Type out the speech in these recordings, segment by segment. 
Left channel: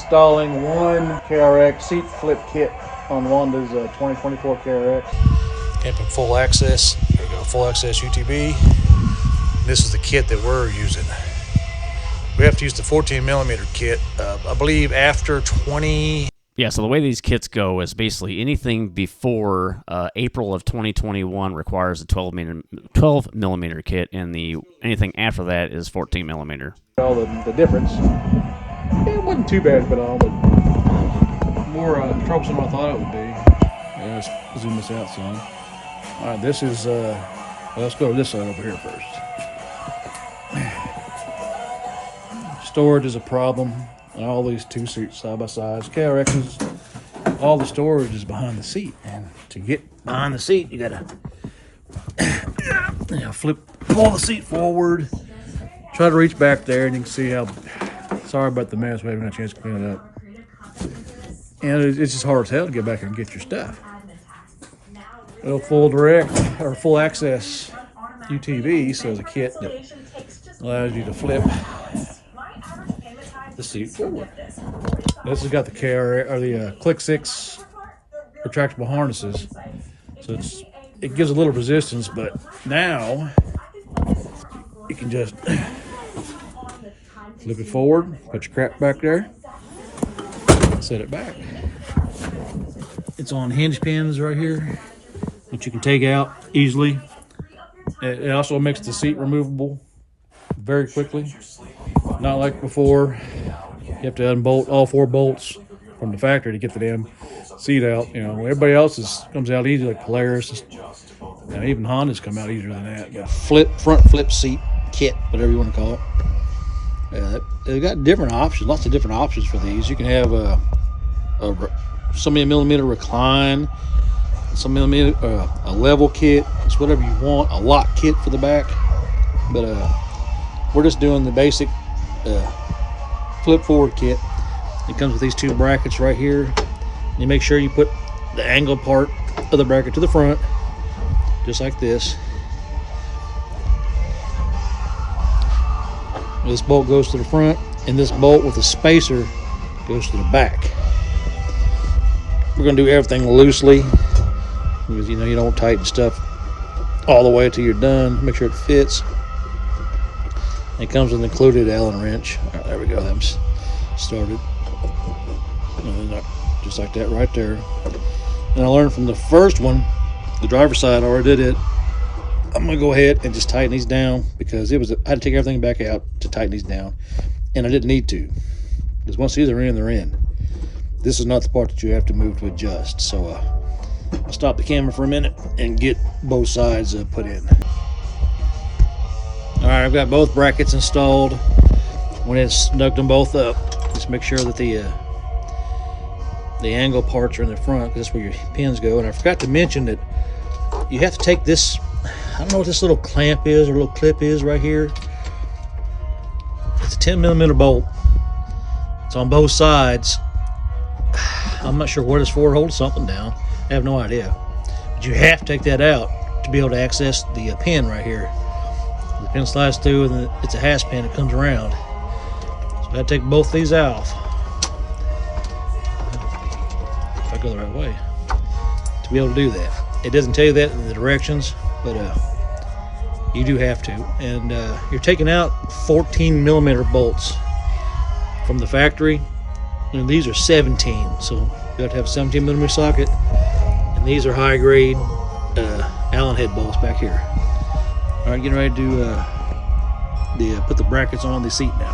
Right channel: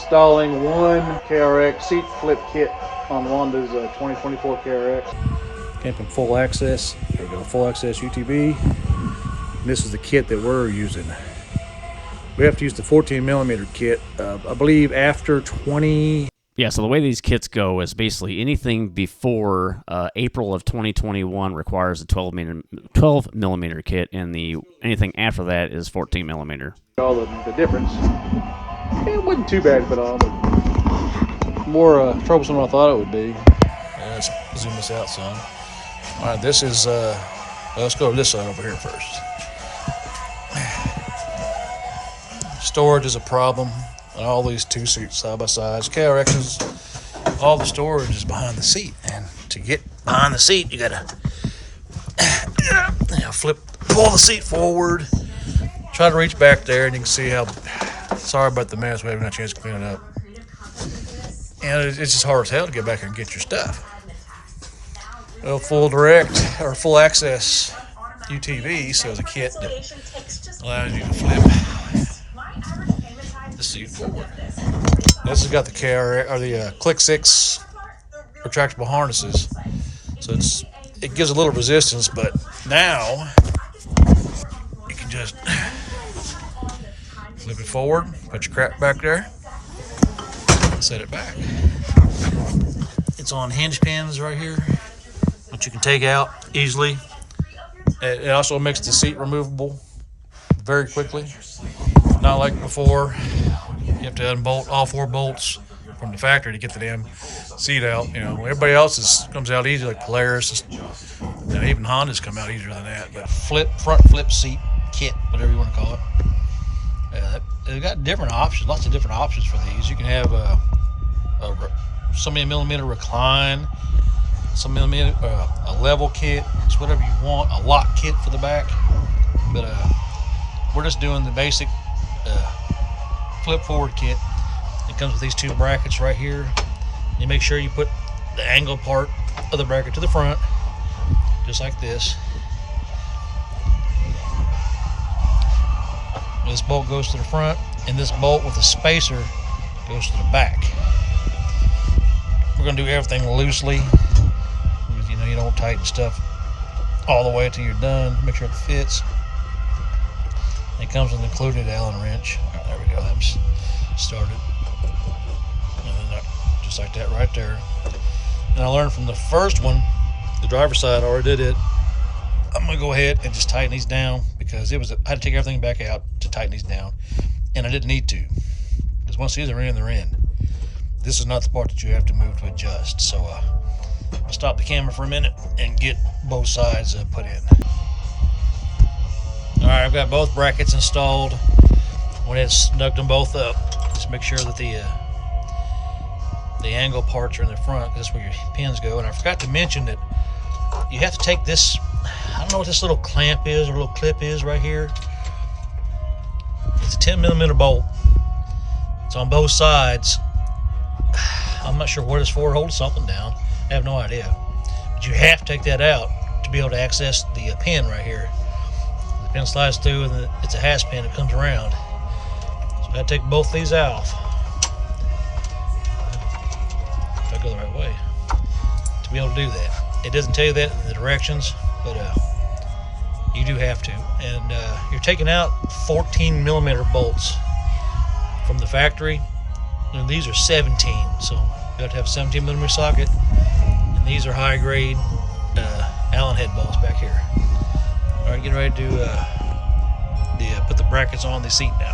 installing one KRX seat flip kit on Wanda's 2024 KRX. Camping full access. There we go, full access UTV. This is the kit that we're using. We have to use the 14 millimeter kit, I believe after 20. Yeah, so the way these kits go is basically anything before April of 2021 requires a 12 millimeter kit, and anything after that is 14 millimeter. All the difference. It wasn't too bad at all, but more troublesome than I thought it would be. Yeah, let's zoom this out some. All right, this is, let's go to this side over here first. Storage is a problem on all these two seats side by side. KRXs, all the storage is behind the seat, and to get behind the seat, you gotta pull the seat forward, try to reach back there, and you can see how. Sorry about the mess. We haven't had a chance to clean it up, and it's just hard as hell to get back here and get your stuff. Well, full access UTV, so it's a kit that allows you to flip the seat forward. This has got the KRX or the Click 6 retractable harnesses, so it gives a little resistance, but now you can just flip it forward, put your crap back there, set it back. It's on hinge pins right here, which you can take out easily. It also makes the seat removable very quickly. Not like before, you have to unbolt all 4 bolts from the factory to get the damn seat out. You know, everybody else's comes out easy, like Polaris. Now even Honda's come out easier than that. But front flip seat kit, whatever you want to call it. They've got different options, lots of different options for these. You can have so many millimeter recline, some millimeter, a level kit. It's whatever you want. A lock kit for the back, but we're just doing the basic flip forward kit. It comes with these 2 brackets right here. You make sure you put the angle part of the bracket to the front, just like this. This bolt goes to the front, and this bolt with the spacer goes to the back. We're going to do everything loosely, because you don't tighten stuff all the way until you're done. Make sure it fits. It comes with an included Allen wrench. All right, there we go. That's started. And then just like that right there. And I learned from the first one, the driver's side, I already did it. I'm gonna go ahead and just tighten these down, because I had to take everything back out to tighten these down, and I didn't need to, because once these are in, they're in. This is not the part that you have to move to adjust. So I'll stop the camera for a minute and get both sides put in. All right, I've got both brackets installed. When it's snugged them both up, just make sure that the angle parts are in the front, because that's where your pins go. And I forgot to mention that you have to take this, I don't know what this little clamp is or little clip is right here. It's a 10 millimeter bolt. It's on both sides. I'm not sure what it's for, hold something down. I have no idea. But you have to take that out to be able to access the pin right here. The pin slides through, and it's a hasp pin that comes around. So I had to take both these off. If I go the right way, to be able to do that. It doesn't tell you that in the directions, but you do have to. And you're taking out 14 millimeter bolts from the factory, and these are 17, so you have to have a 17 millimeter socket, and these are high grade Allen head bolts back here. All right, getting ready to put the brackets on the seat now.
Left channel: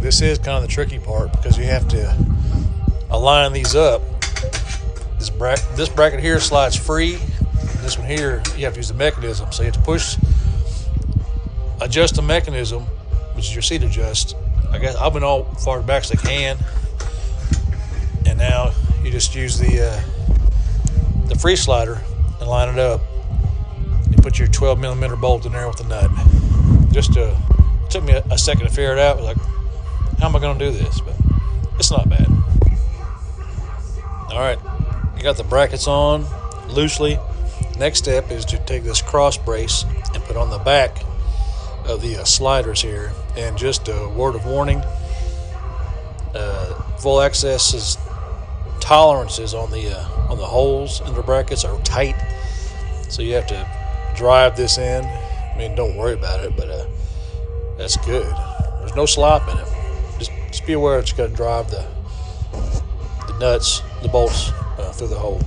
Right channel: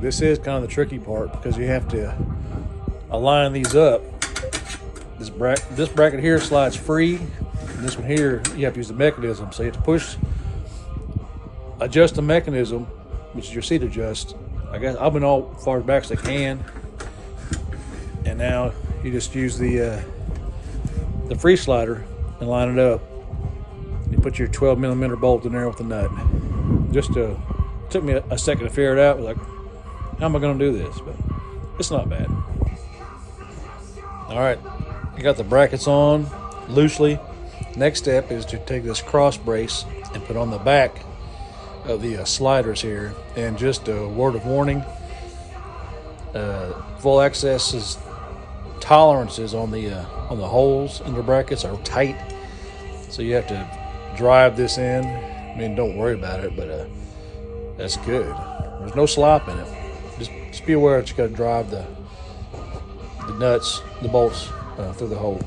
This is kind of the tricky part, because you have to align these up. This bracket here slides free. This one here, you have to use the mechanism. So you have to adjust the mechanism, which is your seat adjust. I guess I've been all far back as I can. And now you just use the free slider and line it up. You put your 12 millimeter bolt in there with the nut. It took me a second to figure it out. I was like, how am I going to do this? But it's not bad. All right, you got the brackets on loosely. Next step is to take this cross brace and put on the back of the sliders here. And just a word of warning, Full Access's tolerances on the holes in the brackets are tight, so you have to drive this in. I mean, don't worry about it, but that's good. There's no slop in it. Just be aware that you got to drive the nuts, the bolts through the hole.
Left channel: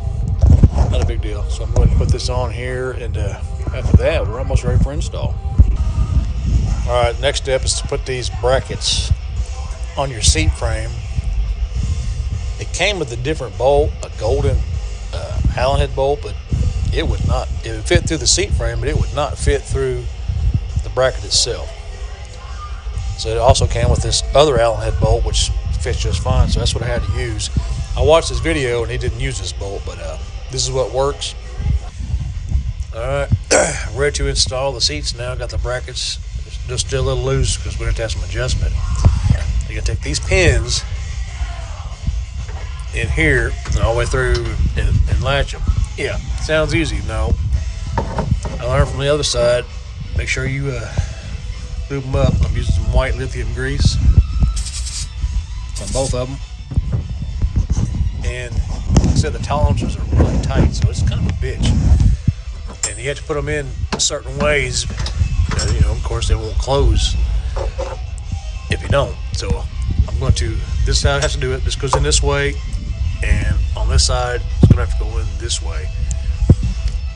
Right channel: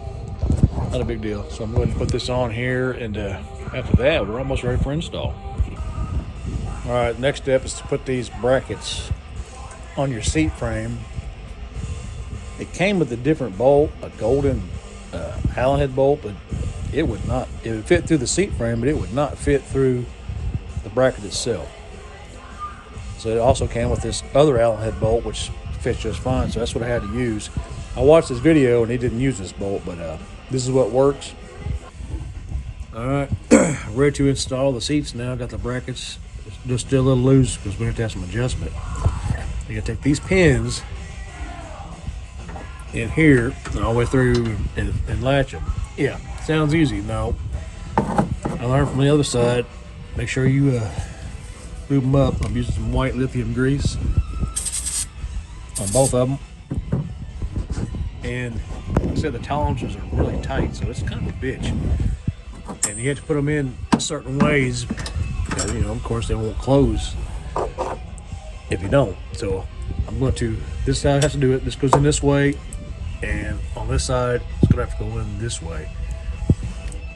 Not a big deal. So I'm going to put this on here, and after that, we're almost ready for install. All right, next step is to put these brackets on your seat frame. It came with a different bolt, a golden Allen head bolt, but it would fit through the seat frame, but it would not fit through the bracket itself. So it also came with this other Allen head bolt, which fits just fine. So that's what I had to use. I watched this video and he didn't use this bolt, but this is what works. All right, ready to install the seats now. Got the brackets just still a little loose because we have to have some adjustment. You gotta take these pins in here and all the way through and latch them. Yeah, sounds easy. No, I learned from the other side. Make sure you lube them up. I'm using some white lithium grease on both of them. And like I said, the tolerances are really tight, so it's kind of a bitch. And you have to put them in certain ways. You know, of course, they won't close if you don't. So I'm going to, this side has to do it. This goes in this way, and on this side, it's going to have to go in this way.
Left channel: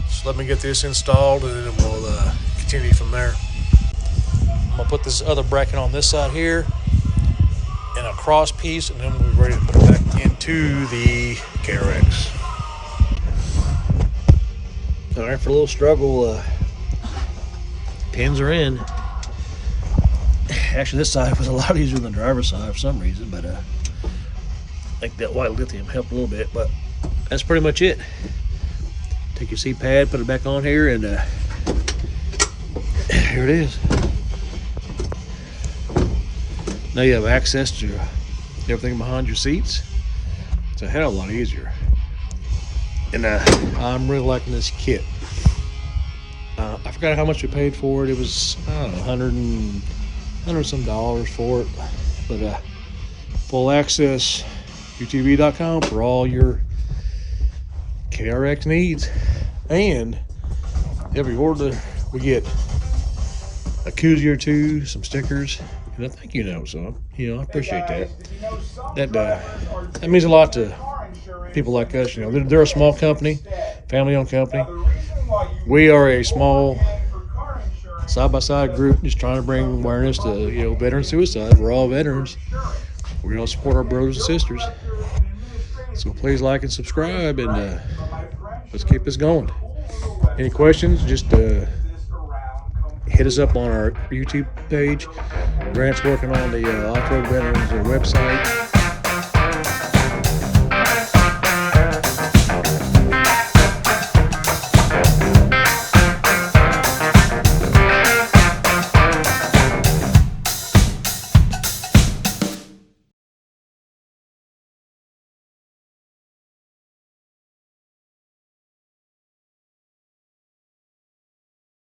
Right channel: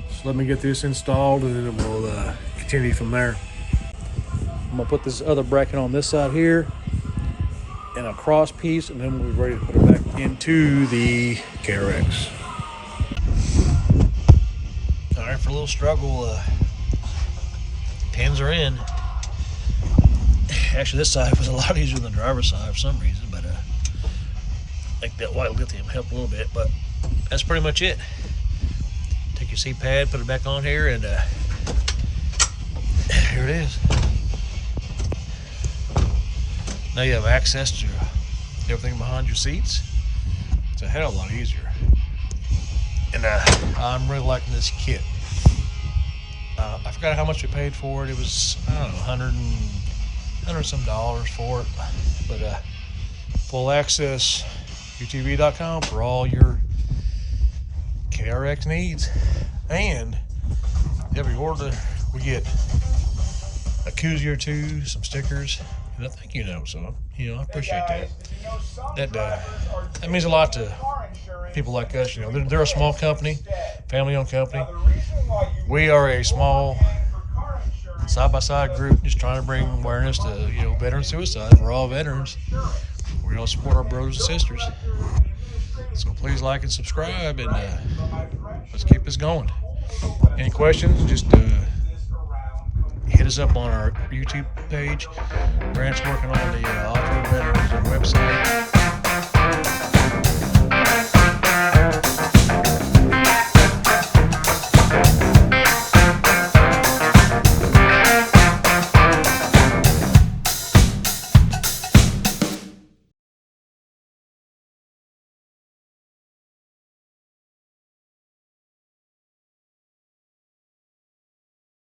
So let me get this installed, and then we'll continue from there. I'm going to put this other bracket on this side here, and a cross piece, and then we'll be ready to put it back into the KRX. All right, for a little struggle, pins are in. Actually, this side was a lot easier than the driver's side for some reason, but I think that white lithium helped a little bit, but that's pretty much it. Take your seat pad, put it back on here, and here it is. Now you have access to everything behind your seats. It's a hell of a lot easier. And I'm really liking this kit. I forgot how much we paid for it. It was, I don't know, $100 some dollars for it. But full access UTV.com for all your KRX needs. And every order we get a koozie or two, some stickers, and a thank you note. So I appreciate that. That means a lot to people like us. You know, they're a small company, family-owned company. We are a small side-by-side group just trying to bring awareness to veteran suicide. We're all veterans. We all support our brothers and sisters. So please like and subscribe, and let's keep this going. Any questions, just hit us up on our YouTube page. Grant's working on the Off-Road Veterans website.